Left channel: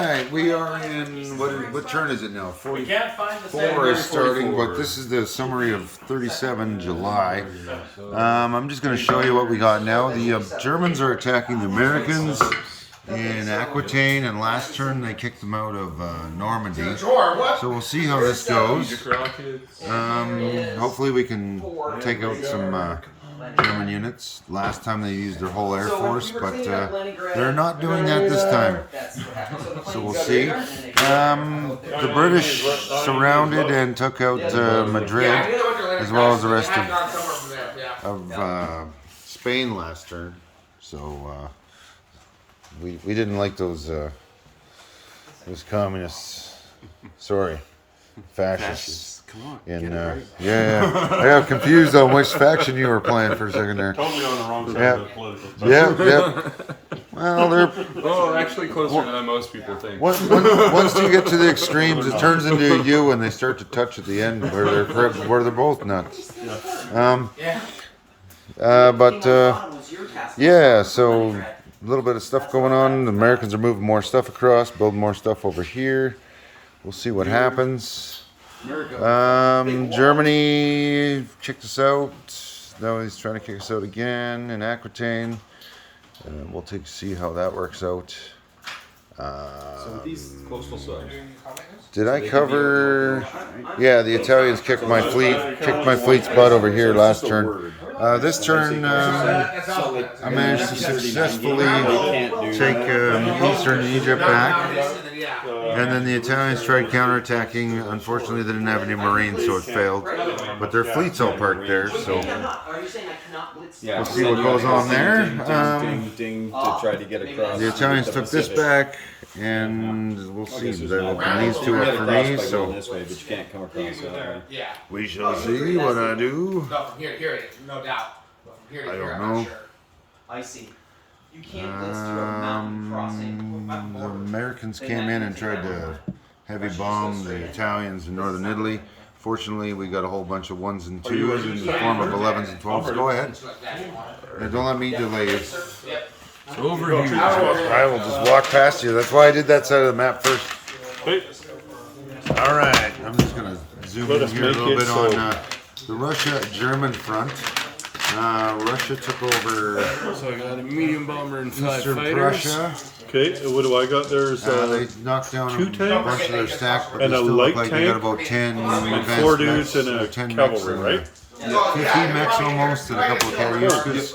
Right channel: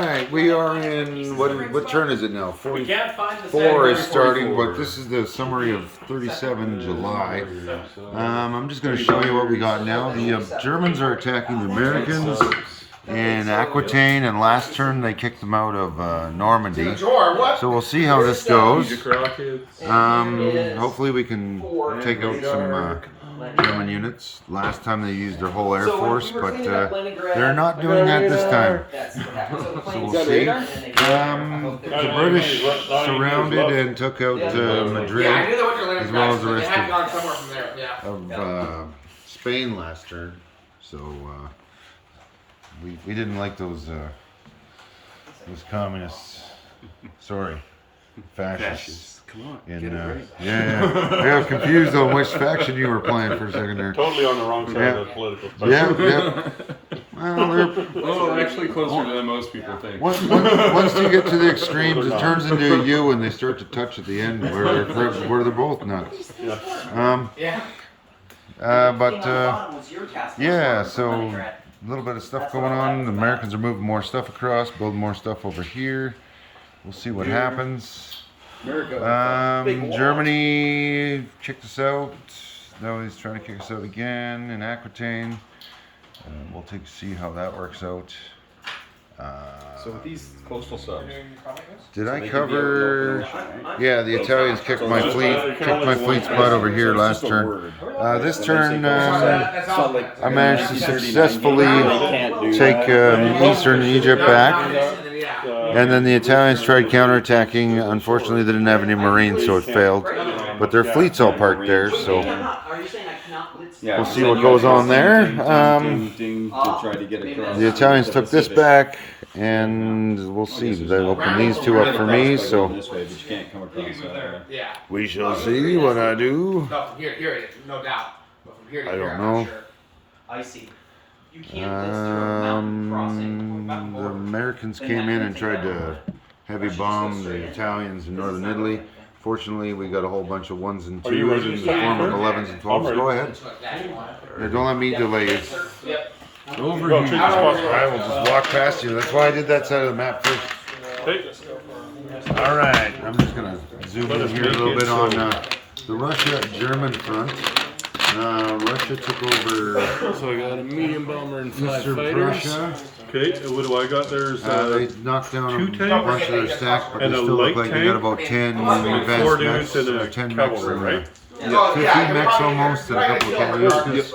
right, we are in what turn is it now? We can't find the 44 is starting, 44. but this is the summary of 37 July. I'm just going to show you what we got now. The Germans are attacking the Americans in Aquitaine, and last turn they kicked them out of Normandy. So we'll see how this goes. Hopefully we can take out some German units. Last time they used their whole air force, but they're not doing that this time. So we'll see. The British surrounded and took out Madrid, as well as the rest of Spain last turn. So we didn't like those communists. Sorry, fascists. Come on, Yeah, I got confused on which faction you were playing for a second there. Totally on the wrong side of the political spectrum. Yeah. Well, Well, actually closer than most people think. once you get to the extremes, it turns into you, and they start to touch at the end where they're both nuts. Yeah. So a little bit of stuff going on. The Americans are moving more stuff across, building more stuff over here. We'll see what happens. Germany checked us out. Now he's trying to kick us out again in Aquitaine. And we'll see how that works out. So these coastal subs. Did I cover? Yeah, the Italians kicked my fleet spot over here last turn. This turn, I managed to successfully take eastern Egypt back. And then the Italians tried counterattacking. Unfortunately, they didn't have any marines, so it failed. But their fleet's all parked there, so we'll see what goes on there. To try to get across. The Italians took this back, and we'll see. They'll open these two up for me, so This way, but you can't come across that way. Yeah. we shall see what I do. No, from here, no doubt. But from here to I here, don't I'm know. not sure. I see. You can't blitz through a mountain crossing. The Americans came in and tried to heavy bomb the Italians in northern Italy. Fortunately, we got a whole bunch of 1s and 2s in the form of 11s and 12s. Go ahead. Hey, don't let me delay you. Over here. I will just walk past you. That's why I did that side of the map first. All right, I'm just going to zoom in here a little bit on the Russia-German front. Russia took over So I got a medium bomber and 5 Eastern fighters. Prussia. Okay, and what do I got? There's They knocked down a 2 tanks bunch of their stack, but and they a still look light like they got tank, about 10 4 advanced dudes mechs, and or a 10 mechs in cavalry, there. right? 15 mechs almost, and a couple of Katyuskas.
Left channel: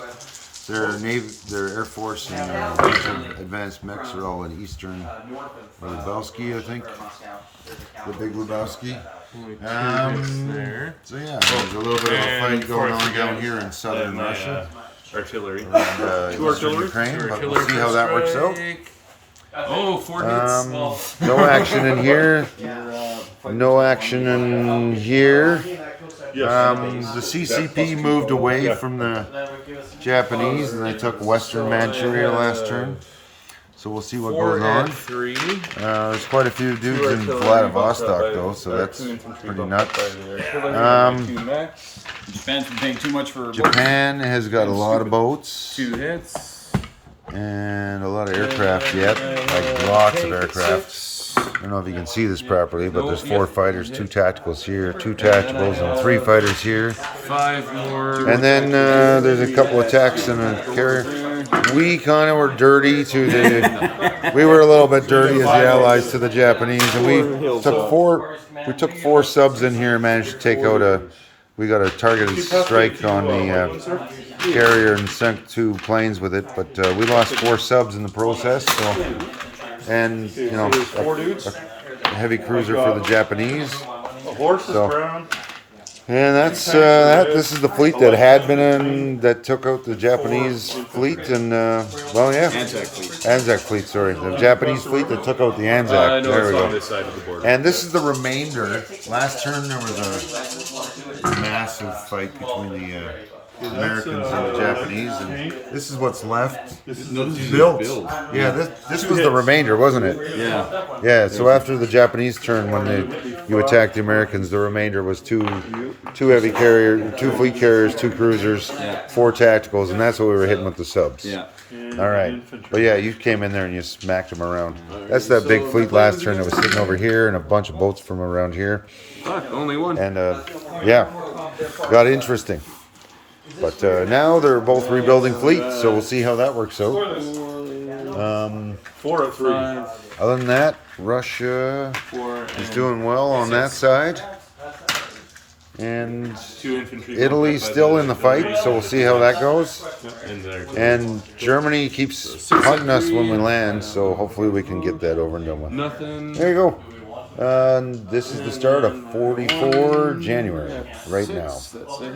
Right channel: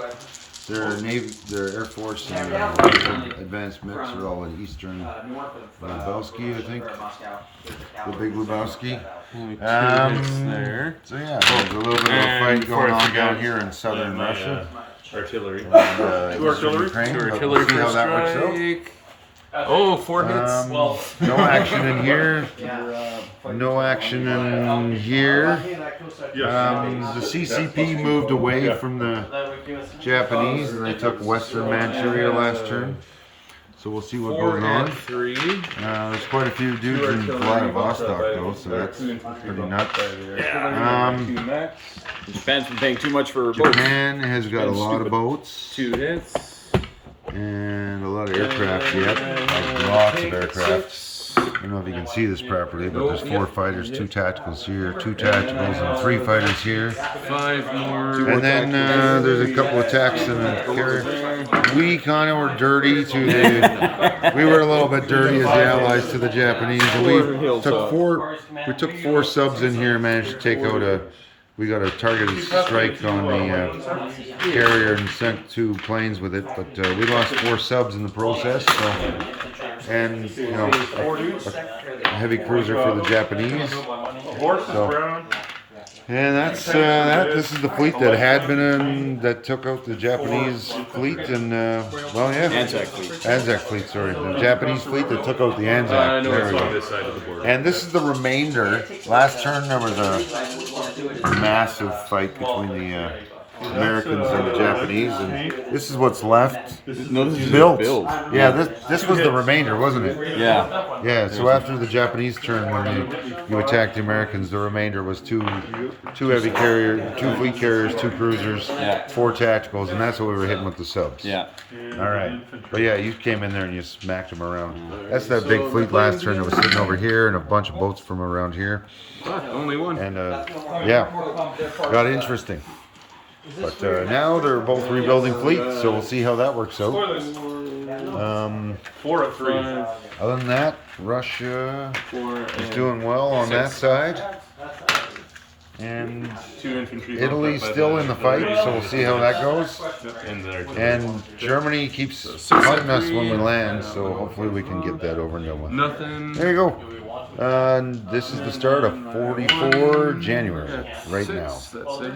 Their Navy, their Air Force, and advanced mechs are all in Eastern Lubelski, I think. The big Lubelski. There. So yeah, there's a little bit of a fight going on down here in southern Russia Artillery. and eastern Ukraine, but we'll see how that works out. Oh, 4 hits. No action in here. No action in here. The CCP moved away from the Japanese, and they took Western Manchuria last turn. So we'll see what goes on. 3. There's quite a few dudes in Vladivostok, though, so that's pretty nuts. 2 mechs. Japan's been paying too much for boats. Japan has got a lot of boats 2 hits. and a lot of aircraft yet. Like lots of aircraft. I don't know if you can see this properly, but there's 4 fighters, 2 tacticals here, 2 tacticals, and 3 fighters here. 5 more. And then there's a couple of attacks and a carrier. We kind of were dirty to the. We were a little bit dirty as the allies to the Japanese, and we took 4 subs in here and managed to take out a. We got a targeted strike on the carrier and sent 2 planes with it, but we lost 4 subs in the process. So, and you know, a heavy cruiser for the Japanese. So. And that's that. This is the fleet that had been in, that took out the Japanese fleet, and well, yeah, Anzac fleet. Sorry, the Japanese fleet that took out the Anzac. There we go. And this is the remainder. Last turn there was a massive fight between the Americans and the Japanese, and this is what's left. Built. Yeah, this was the remainder, wasn't it? Yeah. Yeah. So after the Japanese turn, when you attacked the Americans, the remainder was two heavy carriers, 2 fleet carriers, 2 cruisers, 4 tacticals, and that's what we were hitting with the subs. Yeah. All right. But yeah, you came in there and you smacked them around. That's that big fleet last turn that was sitting over here and a bunch of boats from around here. Fuck, only one. And yeah, got interesting. But now they're both rebuilding fleets, so we'll see how that works out. 4 of 3. Other than that, Russia 4 is doing well on that side. And 2 infantry. Italy's still in the fight, so we'll see how that goes. And there. And Germany keeps hunting us when we land, so hopefully we can get that over and done with. Nothing. There you go. And this is the start of 44 January, right now. That's it.